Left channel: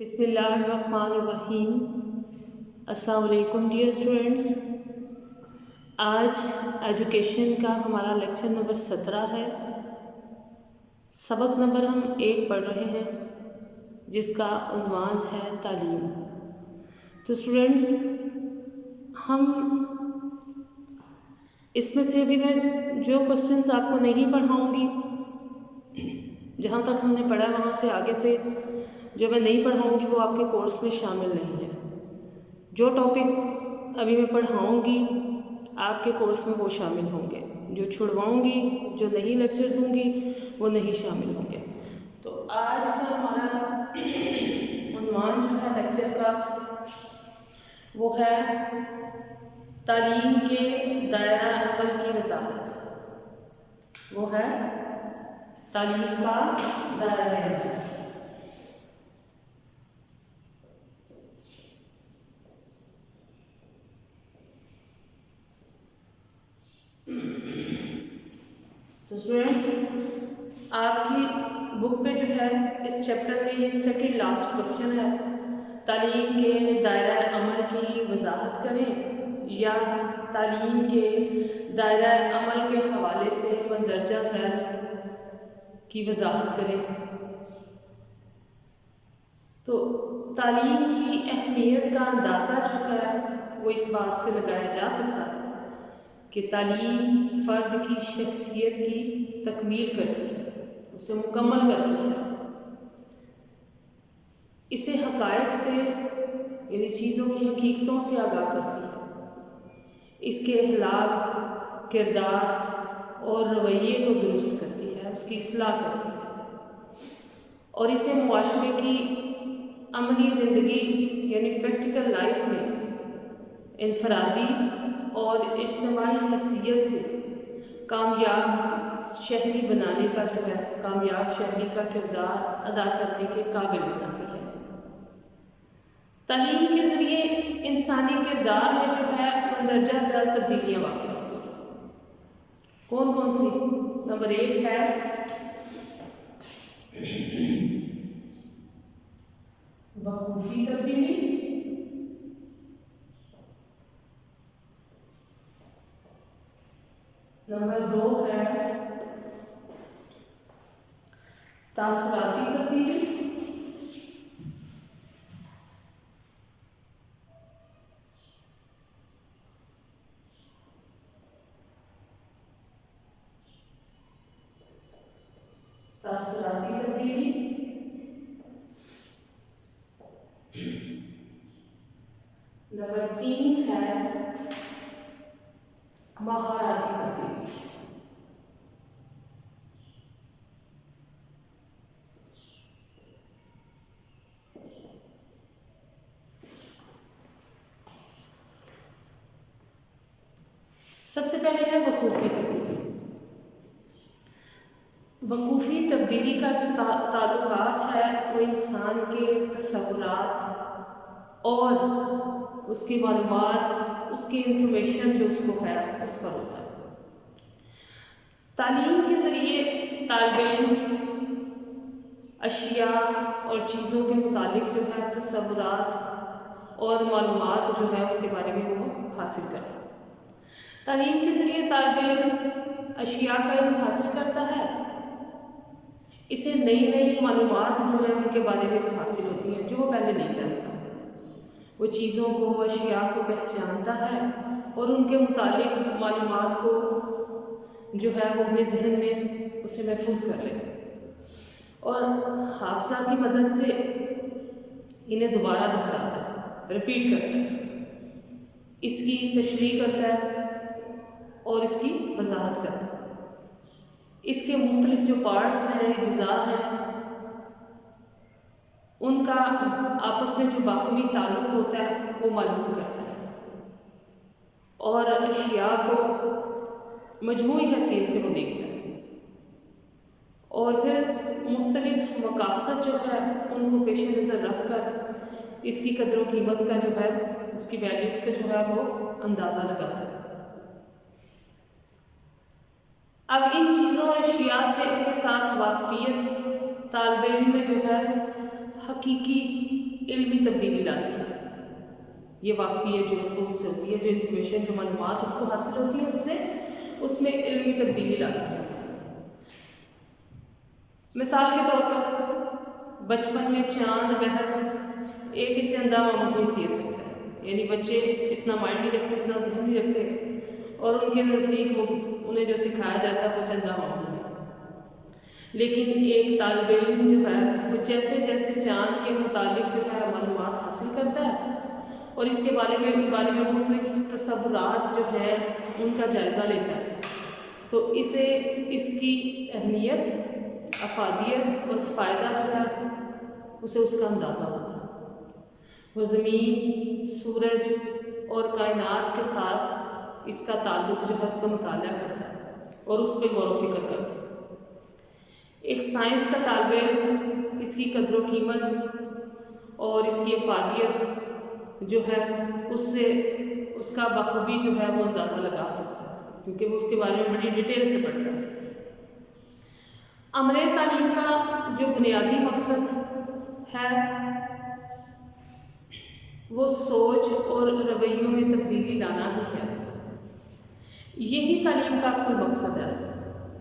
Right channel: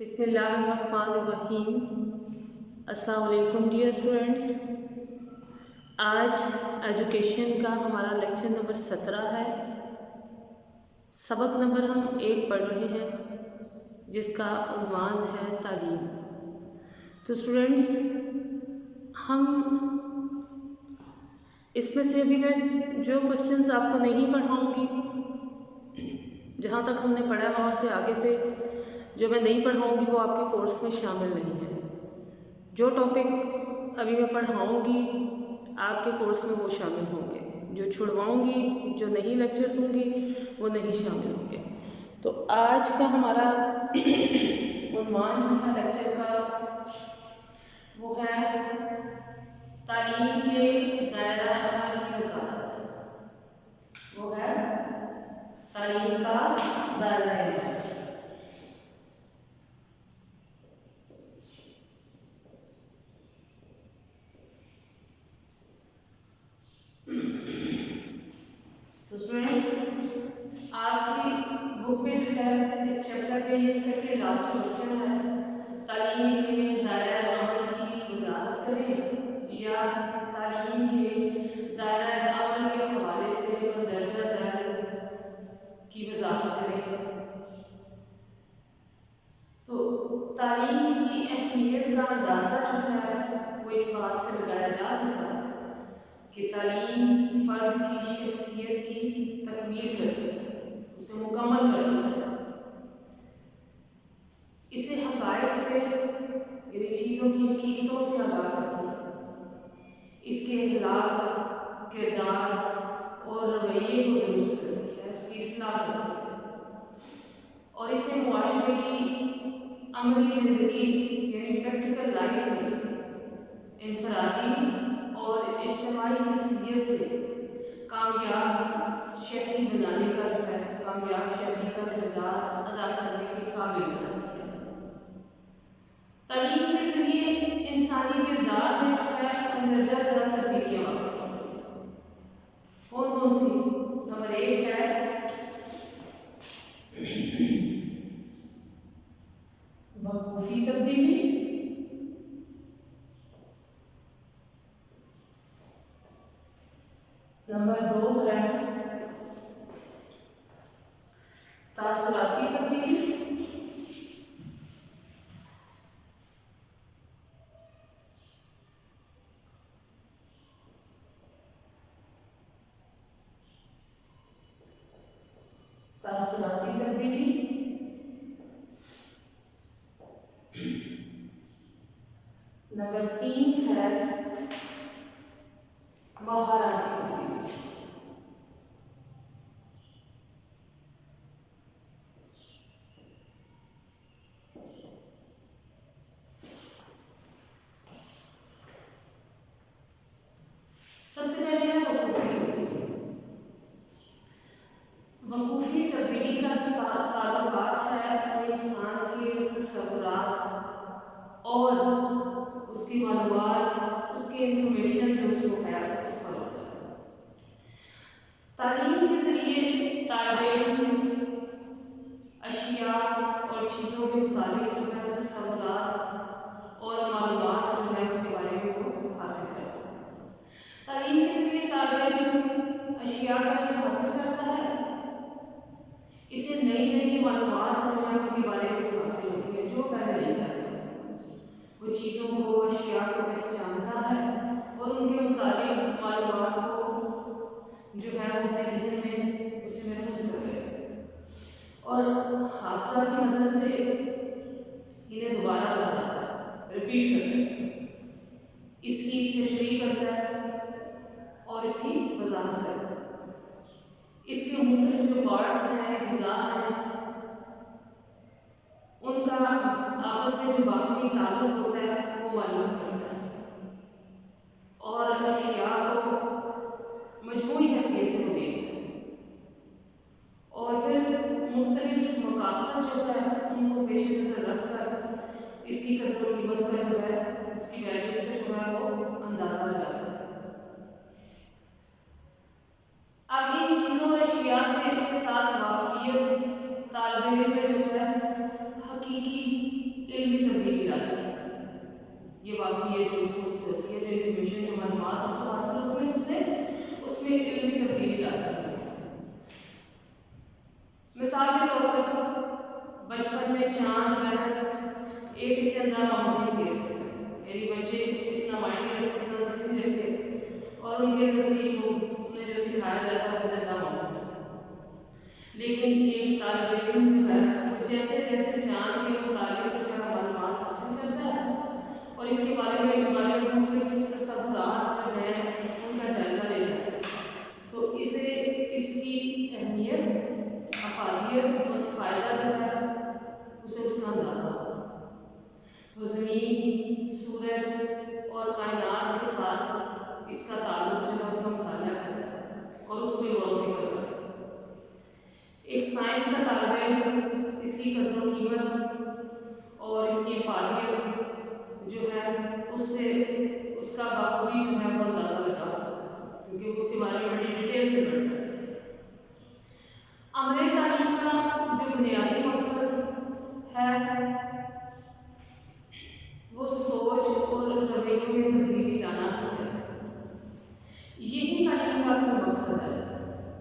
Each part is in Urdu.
بسم اللہ الرحمن الرحیم۔ السلام علیکم ڈیئر اسٹوڈینٹس، آج ایجوکیشن کا ہمارا لیکچر نمبر 17 ہے۔ سبق نمبر ہم 1 پڑھ رہے ہیں جس کا عنوان ہے تعلیم۔ تو اسٹوڈینٹس، ہم اس میں سے ابھی میں جو کوسچنس آپ کو نہیں پڑھاؤں گی، جہاں تک ہم نے پڑھا ہے وہاں سے آگے سے جو میں نہیں پڑھاؤں گی وہ آپ کے کورس میں شامل نہیں ہے۔ جو ٹاپک ابھی میں پڑھاؤں گی آپ کے کورس میں وہ شامل ہوں گے، جو چھڑواؤں گی، جو نہیں لیکچر دوں گی وہ نہیں شامل ہوں گے۔ تو آج کا ہمارا عنوان جو ہے لیکچر کا وہ ہے تعلیم کے دائرہ عمل کی وضاحت۔ وہ ہے تعلیم کا دائرہ عمل۔ تو اسٹوڈینٹس، آپ کی بک پہ جو ہے اس چیپٹر کے یہ سیکنڈ لاسٹ کوسچن ہے، تعلیم کے دائرہ عمل کی وضاحت کریں یا تعلیم کے دائرہ عمل کے حوالے سے مندرجہ ذیل کی وضاحت کریں۔ تو تعلیم کی اہمیت کا اندازہ جو ہے وہ اس بات سے لگایا جا سکتا ہے کہ تعلیم فرد کی شخصیت کی تکمیل کرتی ہے، اسے مکمل کرتی ہے، اسے حقائق سے یعنی چیزوں کی حقیقتوں سے آگاہ کرتی ہے، اس کے اخلاق، کردار اور رویے کو درست کرتی ہے، اس کی اصلاح کرتی ہے، اور اسے معاشرے کی عملی زندگی یعنی پریکٹیکل لائف میں انفرادی اور اجتماعی حیثیت سے کامیاب شہری بنانے کا جو ہے، کامیاب شہری کا کردار ادا کرنے کے قابل بناتی ہے۔ تعلیم کے ذریعے انسانی کردار میں جو ہے مندرجہ ذیل تبدیلیاں واقع ہوتی ہیں۔ کون کون سی؟ نمبر 1 ہے وقوفی تبدیلی، نمبر 2 ہے تاثراتی تبدیلی، تاثراتی تبدیلی، نمبر 3 ہے مہارتی تبدیلی۔ سب سے پہلے ہے وقوفی تبدیلی۔ وقوفی تبدیلی کا جو تعلقات ہے وہ انسان کے تصورات اور اس کی معلومات، اس کی انفارمیشن جو اس کو ہے اس پر ہوتا ہے۔ تعلیم کے ذریعے طالب علم اشیاء اور چیزوں کے متعلق جو ہے تصورات اور معلومات جو ہے اس کے بارے میں وہ حاصل کرتا ہے۔ تعلیم کے ذریعے طالب علم اشیاء کا علم حاصل کرتا ہے، اسے نئی نئی معلومات جو ہیں ان کے بارے میں حاصل ہوتی ہیں جو وہ پہلے نہیں جانتا۔ وہ چیزوں کو، اشیاء کو پہچانتا ہے اور ان کے متعلق معلومات کو جو ہے وہ اپنے ذہن میں اسے محفوظ کر لیتا ہے اور حافظہ کی مدد سے انہیں دوبارہ دہراتا ہے، ریپیٹ کرتا ہے، اس کی تشریح کرتا ہے اور اس کی وضاحت کرتا ہے۔ اس کے مختلف جو پارٹس ہیں، اجزاء ہیں، ان کا آپس میں جو باہمی تعلق ہوتا ہے وہ معلوم کرتا ہے اور اشیاء کو مجموعی حیثیت سے وہ دیکھتا ہے اور پھر مختلف مقاصد جو ہے ان کو پیش نظر رکھ کر اس کی قدر و قیمت کا جو ہے، اس کی ویلیوز کا جو ہے وہ اندازہ لگاتا ہے۔ اب ان چیزوں اور اشیاء سے ان کے ساتھ واقفیت طالب علم میں جو ہے حقیقی علمی تبدیلی لاتی ہے. یہ واقفیت جو اس کو اس سے ہوتی ہے، جو انفارمیشن، جو معلومات اس کو حاصل ہوتی ہے، اس میں علمی تبدیلی لاتی ہے. مثال کے طور پر بچپن میں چاند محض ایک چندہ مام کی حیثیت ہوتا ہے، یعنی بچے اتنا مائنڈ نہیں رکھتے، اتنا ذہن نہیں رکھتے، اور ان کے نزدیک انہیں جو سکھایا جاتا ہے وہ چندہ مام ہے. لیکن ایک طالب علم جو ہے وہ جیسے جیسے چاند کے متعلق جو ہے معلومات حاصل کرتا ہے اور اس کے بارے میں مختلف تصورات جو ہیں ان کا جائزہ لیتا ہے، تو اسے اس کی اہمیت، افادیت اور فائدہ جو ہے اسے اس کا اندازہ ہوتا ہے. وہ زمین، سورج اور کائنات کے ساتھ اس کا تعلق جو ہے اس کا مطالعہ کرتا ہے اور اس پہ غور و فکر کرتا ہے. ایک سائنس کا طالب علم اس کی قدر و قیمت اور اس کی افادیت جو ہے اس کا بخوبی جو ہے وہ اندازہ لگا سکتا ہے، کیونکہ وہ اس کے بارے میں بڑی ڈیٹیل سے پڑھتا ہے. عملی تعلیم کا جو بنیادی مقصد ہے وہ سوچ اور رویوں میں تبدیلی لانا ہی ہے. یہی تعلیم کا اصل مقصد ہے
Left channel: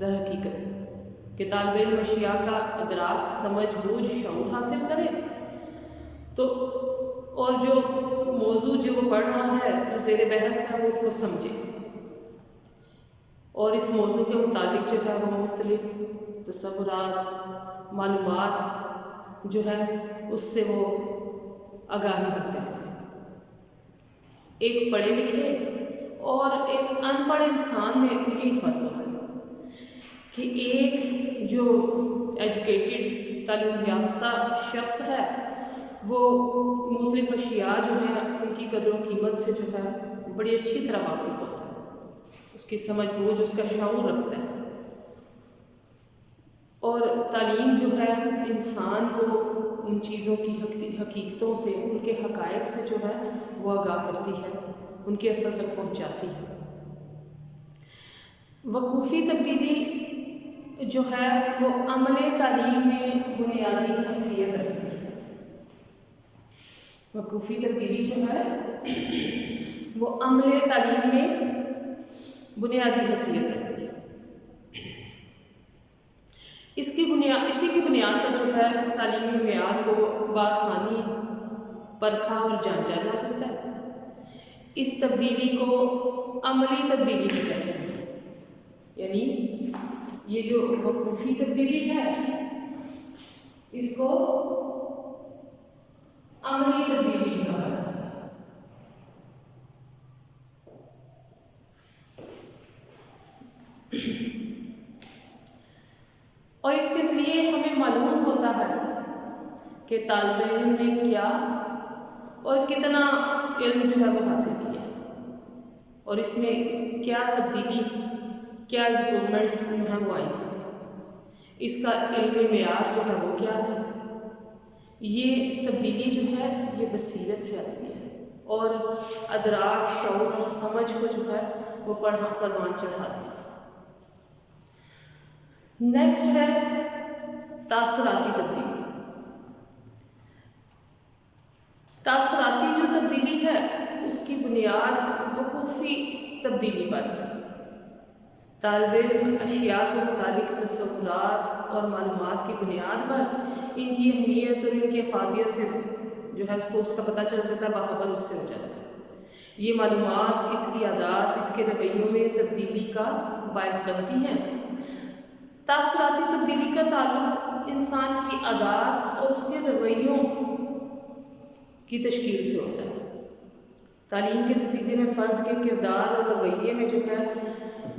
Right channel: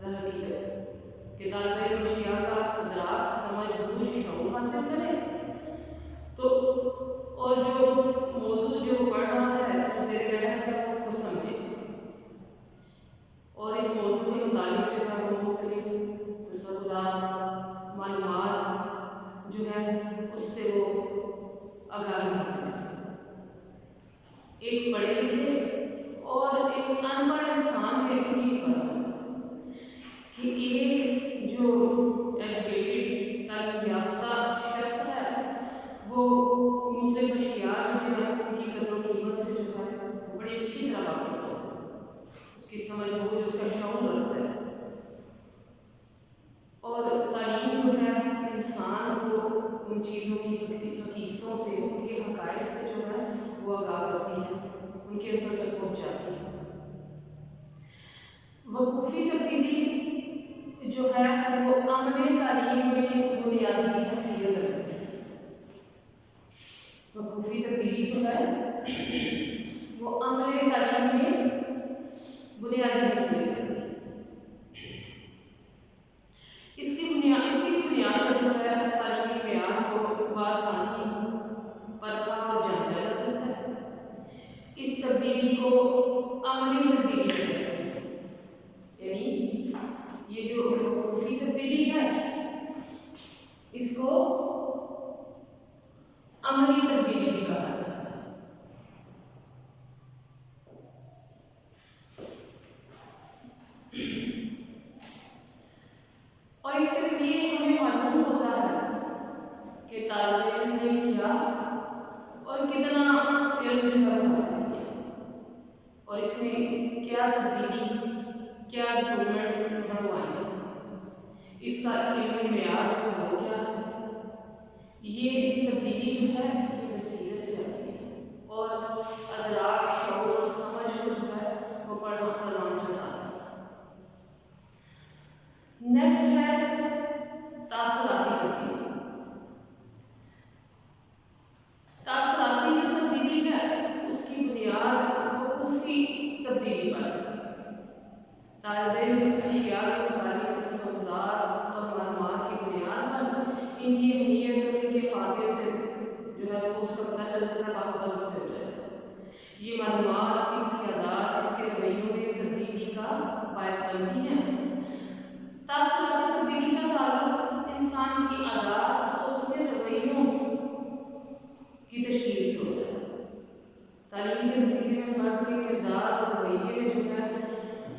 در حقیقت، کہ طالب علم اشیاء کا ادراک، سمجھ، بوجھ، شعور حاصل کرے، تو اور جو موضوع جو پڑھ رہا ہے، جو زیر بحث ہے، وہ اس کو سمجھے اور اس موضوع کے متعلق جو ہے وہ مختلف تصورات، معلومات جو ہے اس سے وہ آگاہی حاصل کرے. ایک پڑھے لکھے اور ایک ان پڑھ انسان میں یہی فرق ہوتا ہے کہ ایک جو ایجوکیٹڈ، تعلیم یافتہ شخص ہے وہ مختلف اشیاء جو ہیں ان کی قدر و قیمت سے جو ہے بڑی اچھی طرح واقف ہوتا ہے، اس کی سمجھ بوجھ، اس کا شعور رکھتا ہے. اور تعلیم جو ہے انسان کو ان چیزوں کی حقیقتوں سے، ان کے حقائق سے جو ہے وہ آگاہ کرتی ہے، ان کے اثر تک پہنچاتی ہے. وقوفی تبدیلی جو ہے وہ عملی تعلیم میں بنیادی حیثیت رکھتی ہے. وقوفی تبدیلی جو ہے وہ عملی تعلیم میں بنیادی حیثیت رکھتی ہے. اسی کی بنیاد پر جو ہے تعلیمی معیار کو بآسانی پرکھا اور جانچا جا سکتا ہے. اس تبدیلی کو عملی تبدیلی بھی کہتے ہیں، یعنی یہ جو وقوفی تبدیلی ہے اس کو عملی تبدیلی بھی کہا جاتا ہے. اور اس کے ذریعے ہمیں معلوم ہوتا ہے کہ طالب علم نے کیا اور کتنا علم جو ہے وہ حاصل کیا، اور اس میں کیا تبدیلی، کیا امپرومنٹس جو ہیں وہ آئی ہیں، اس کا علمی معیار جو ہے وہ کیا ہے. یہ تبدیلی جو ہے یہ بصیرت سے آتی ہے اور ادراک، شعور اور سمجھ کو جو ہے وہ پروان چڑھاتی ہے. نیکسٹ ہے تاثراتی تبدیلی. تاثراتی جو تبدیلی ہے اس کی بنیاد وقوفی تبدیلی پر ہے. طالب علم اشیاء کے متعلق تصورات اور معلومات کی بنیاد پر ان کی اہمیت اور ان کی افادیت سے جو ہے اس کا پتہ چل جاتا ہے، باخبر اس سے ہو جاتا ہے. یہ معلومات اس کی عادات، اس کے رویوں میں تبدیلی کا باعث بنتی ہیں. تاثراتی تبدیلی کا تعلق انسان کی عادات اور اس کے رویوں کی تشکیل سے ہوتا ہے. تعلیم کے نتیجے میں فرد کے کردار اور رویے میں جو ہے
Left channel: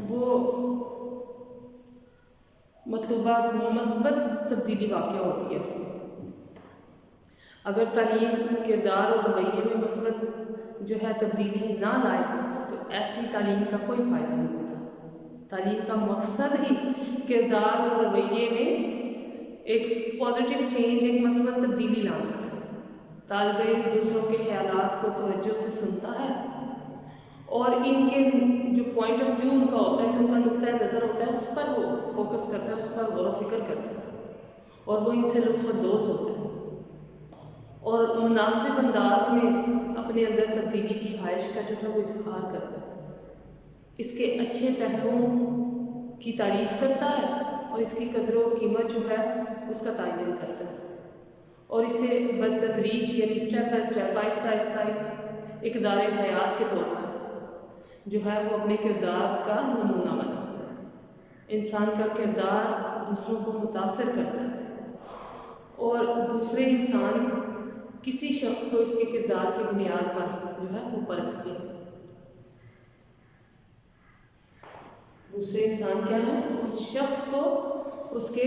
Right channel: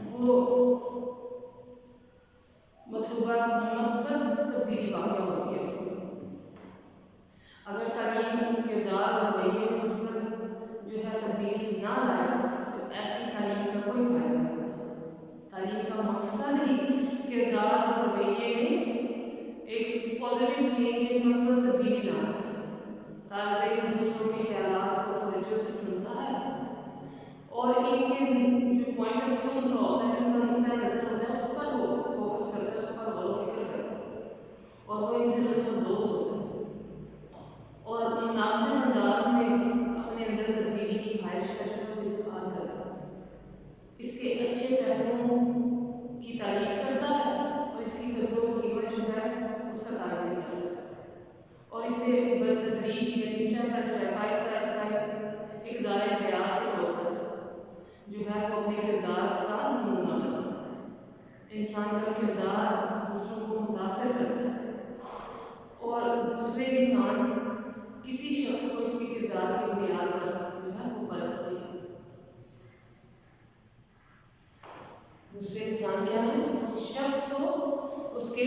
وہ مطلوبہ مثبت تبدیلی واقع ہوتی ہے. اس میں اگر تعلیم کردار اور رویے میں مثبت جو ہے تبدیلی نہ لائے تو ایسی تعلیم کا کوئی فائدہ نہیں ہوتا. تعلیم کا مقصد ہی کردار اور رویے میں ایک پازیٹیو چینج، ایک مثبت تبدیلی لانا ہے. طالب علم دوسروں کے خیالات کو توجہ سے سنتا ہے اور ان کے جو پوائنٹ آف ویو ان کا ہوتا ہے، جو ان کا نقطۂ نظر ہوتا ہے، اس پر وہ فوکس کرتا ہے، اس پر غور و فکر کرتا ہے اور وہ ان سے لطف اندوز ہوتا ہے اور اس کے اچھے پہلوؤں کی تعریف کرتا ہے اور اس کی قدر و قیمت جو ہے اس کا تعین کرتا ہے، اور اسے بتدریج یعنی اسٹیپ بائی اسٹیپ آہستہ آہستہ ایک دار حیات کے طور پر جو ہے وہ اپنے کردار کا نمونہ بناتا ہے۔ انسان کا کردار دوسروں کو متاثر کرتا ہے اور دوسرے انسان کسی شخص کو اس کے کردار کی بنیاد پر جو ہے وہ پرکھتے ہیں۔ دوسرے انسان کیا ہے؟ اس شخص کو اس کے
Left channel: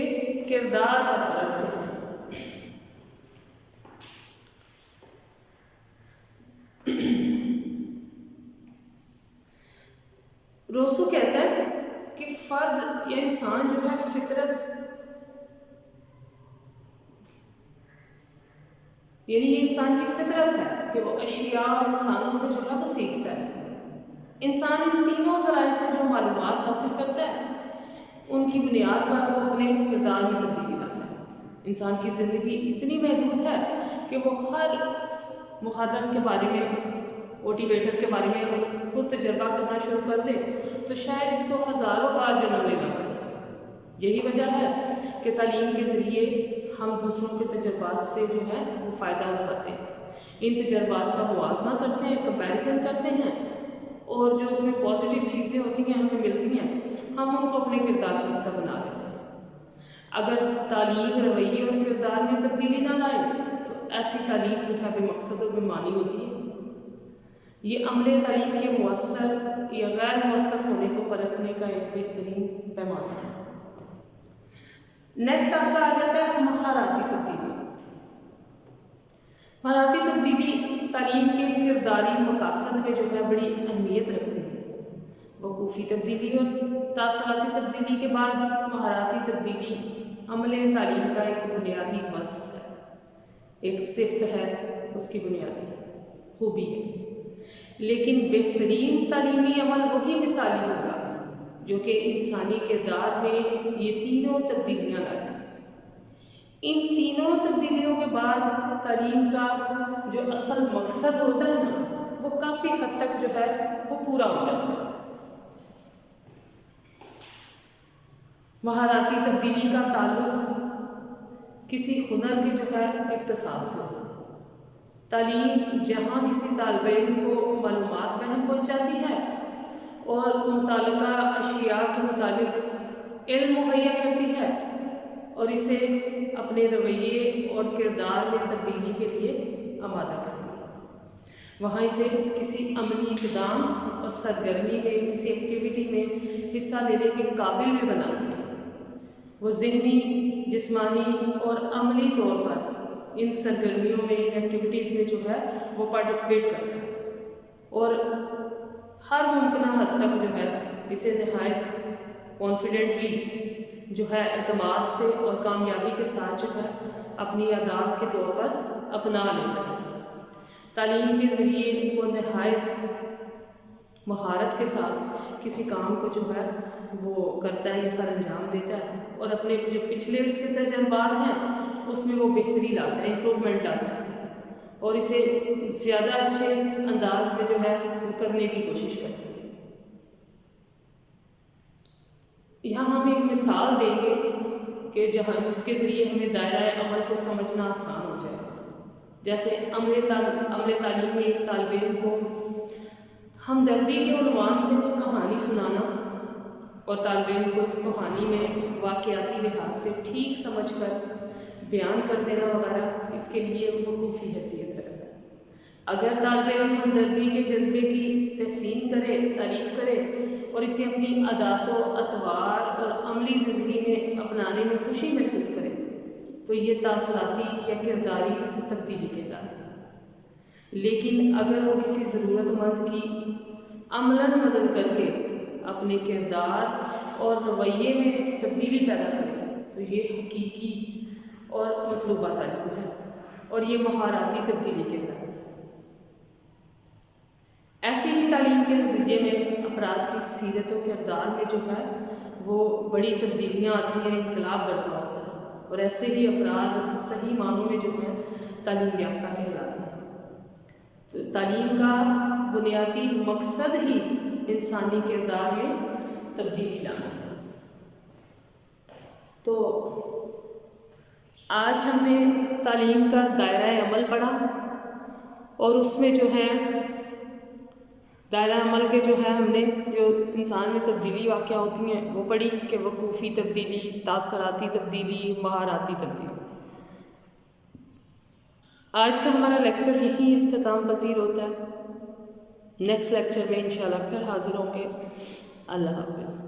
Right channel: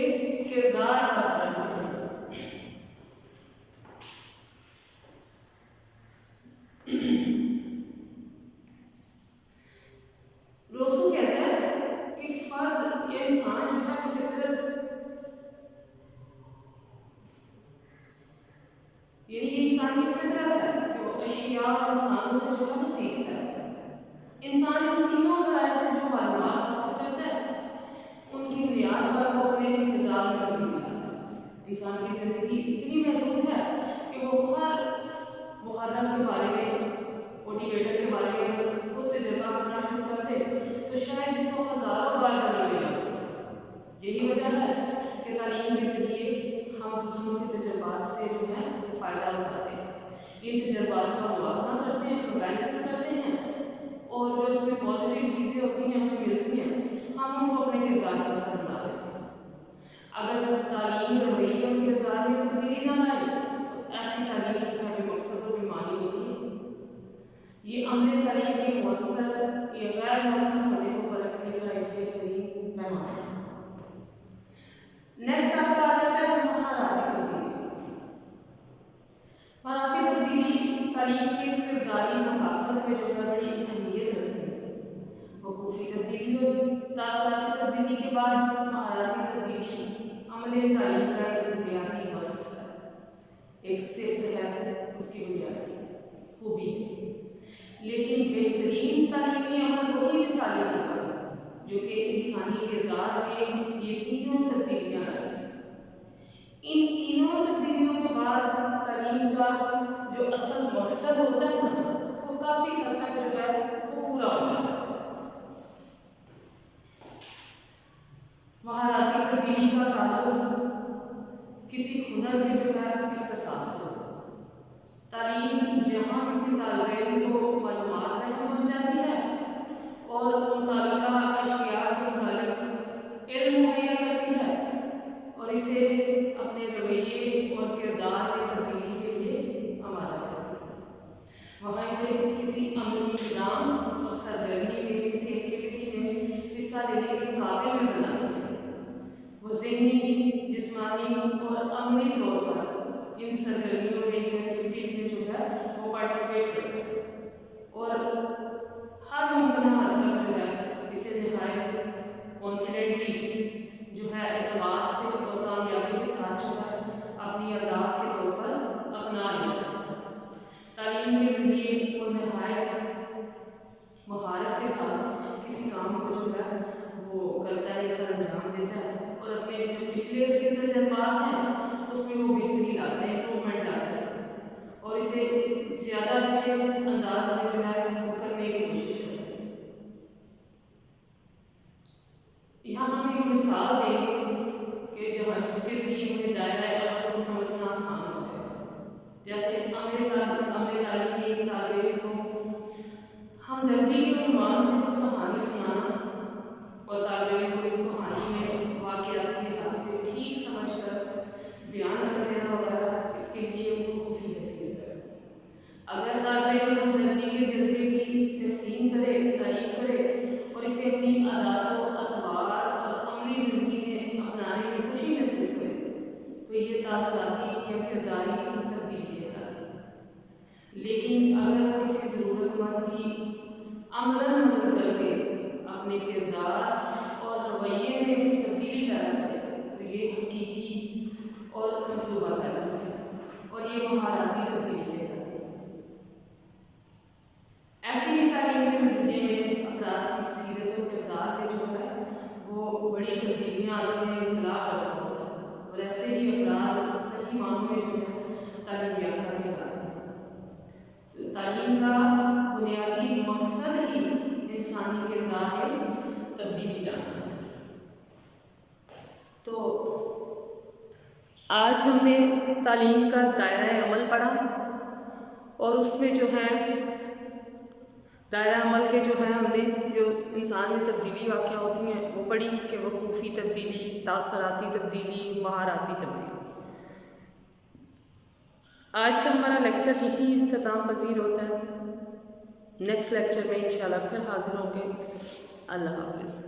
کردار پر پرکھتے ہیں۔ روسو کہتا ہے کہ فرد یا انسان جو ہے فطرت یعنی یہ انسان کی فطرت ہے کہ وہ اشیاء اور انسانوں سے جو ہے وہ سیکھتا ہے۔ انسان ان تینوں ذرائع سے جو معلومات حاصل کرتا ہے ان کی بنیاد پر وہ اپنے کردار میں تبدیلی لاتا ہے۔ انسان کی زندگی اتنی محدود ہے کہ وہ ہر محرم کے بارے میں، موٹیویٹر کے بارے میں اگر خود تجربہ کرنا شروع کر دے تو شاید اس کو ہزاروں بار جنم لینا پڑے۔ یہی وجہ ہے کہ تعلیم کے ذریعے ہم دوسروں کے تجربات سے جو ہے وہ فائدہ اٹھاتے ہیں، ان تجربات کا موازنہ کرتے ہیں، کمپیریزن کرتے ہیں، اور جو اس میں پازیٹیو چیزیں ہوتی ہیں ہمیں ملتی ہیں ہم ان کو اپنے کردار کا حصہ بنا لیتے ہیں۔ اگر تعلیم رویے اور کردار میں تبدیلی نہ لائے تو ایسی تعلیم جو ہے بے مقصد اور بے معنی ہوتی ہے۔ یہ عمل تعلیم کے مؤثر یا غیر مؤثر ہونے کو پرکھنے کا ایک بہترین پیمانہ ہے۔ نیکسٹ آپ کا آ جاتا ہے مہارتی تبدیلی۔ مہارتی تبدیلی تعلیم کے کرداری مقاصد میں جو ہے بڑی اہمیت رکھتی ہے۔ وقوفی تبدیلی اور تاثراتی تبدیلی کے بعد مہارتی تبدیلی عمل تعلیم کا ایک بنیادی وصف ہے، ایک صفت ہے، اس کی بنیادی خوبی ہے۔ لیکن بہترین تعلیمی عمل وہی مثالی ہوگا جو کہ انسانی کردار میں یہ تینوں تبدیلیاں لائیں۔ ان تینوں تبدیلیوں کے بعد تعلیم کا جو اصل مقصد ہوتا ہے نا وہ کافی حد تک جو ہے وہ پورا ہو جاتا ہے۔ مہارتی تبدیلی کا تعلق کسی ہنر کے جو ہے اکتساب سے ہوتا ہے۔ تعلیم جہاں کسی طالب علم کو معلومات فراہم پہنچاتی ہے اور متعلقہ اشیاء کے متعلق علم مہیا کرتی ہے اور اسے اپنے رویے اور کردار میں تبدیلی کے لیے آمادہ کرتی ہے، وہاں اسے کسی عملی اقدام اور سرگرمی میں، کسی ایکٹیویٹی میں حصہ لینے کے قابل میں بناتی ہے۔ وہ ذہنی، جسمانی اور عملی طور پر ان سرگرمیوں میں، ان ایکٹیویٹیز میں جو ہے وہ پارٹیسپیٹ کرتے ہیں اور ہر ممکنہ حد تک جو ہے اسے نہایت کانفیڈنٹلی جو ہے اعتماد سے اور کامیابی کے ساتھ جو ہے اپنی عادات کے طور پر اپنا لیتا ہے۔ تعلیم کے ذریعے وہ نہایت مہارت کے ساتھ کسی کام کو جو ہے وہ کرتا ہے یا سر انجام دیتا ہے اور اپنے جو پچھلے اس کے تجربات ہیں اس میں وہ بہتری لاتا ہے، امپرومنٹ لاتا ہے اور اسے زیادہ اچھے انداز میں جو ہے وہ کرنے کی کوشش کرتا ہے۔ یہاں ہم ایک مثال دیں گے کہ جس کے ذریعے ہمیں دائرۂ عمل کو سمجھنا آسان ہو جائے۔ جیسے عمل تعلیم میں ایک طالب علم کو ہمدردی کے عنوان سے کوئی کہانی سنانا اور طالب علم کو اس کہانی میں واقعاتی لحاظ سے ٹھیک سمجھ کر بیان کر دینا وغیرہ اس کے لیے وقوفی حیثیت رکھتا ہے۔ اگر طالب علم ہمدردی کے جذبے کی تحسین کرے، تعریف کرے اور اسے اپنی عادات و اطوار اور عملی زندگی میں اپنانے میں خوشی محسوس کرے تو یہ تاثراتی یا کرداری تبدیلی کہلاتی ہے۔ لیکن اگر وہ کسی ضرورت مند کی عملاً مدد کر کے اپنے کردار اور رویے میں تبدیلی پیدا کرے تو یہ حقیقی اور مطلوبہ تعلیم ہے اور یہ مہارتی تبدیلی کہلاتی ہے۔ ایسی ہی تعلیم کے نتیجے میں افراد کی سیرت و کردار میں جو ہے وہ بڑی تبدیلیاں آتی ہیں، انقلاب برپا ہوتا ہے اور ایسے ہی افراد صحیح معنوں میں جو ہے تعلیم یافتہ کہلاتے ہیں۔ تو تعلیم کا بنیادی مقصد ہی انسانی کردار میں تبدیلی لانا ہے۔ تو آج ہم نے تعلیم کا دائرہ عمل پڑھا، اور اس میں جو ہے دائرہ عمل کے جو ہے ہم نے جو انسان میں تبدیلی واقع ہوتی ہیں وہ پڑھی کہ وقوفی تبدیلی، تاثراتی تبدیلی، مہارتی تبدیلی۔ آج کا ہمارا لیکچر یہی اختتام پذیر ہوتا ہے۔ نیکسٹ لیکچر میں انشاءاللہ پھر حاضر ہوں گے۔ اللہ حافظ۔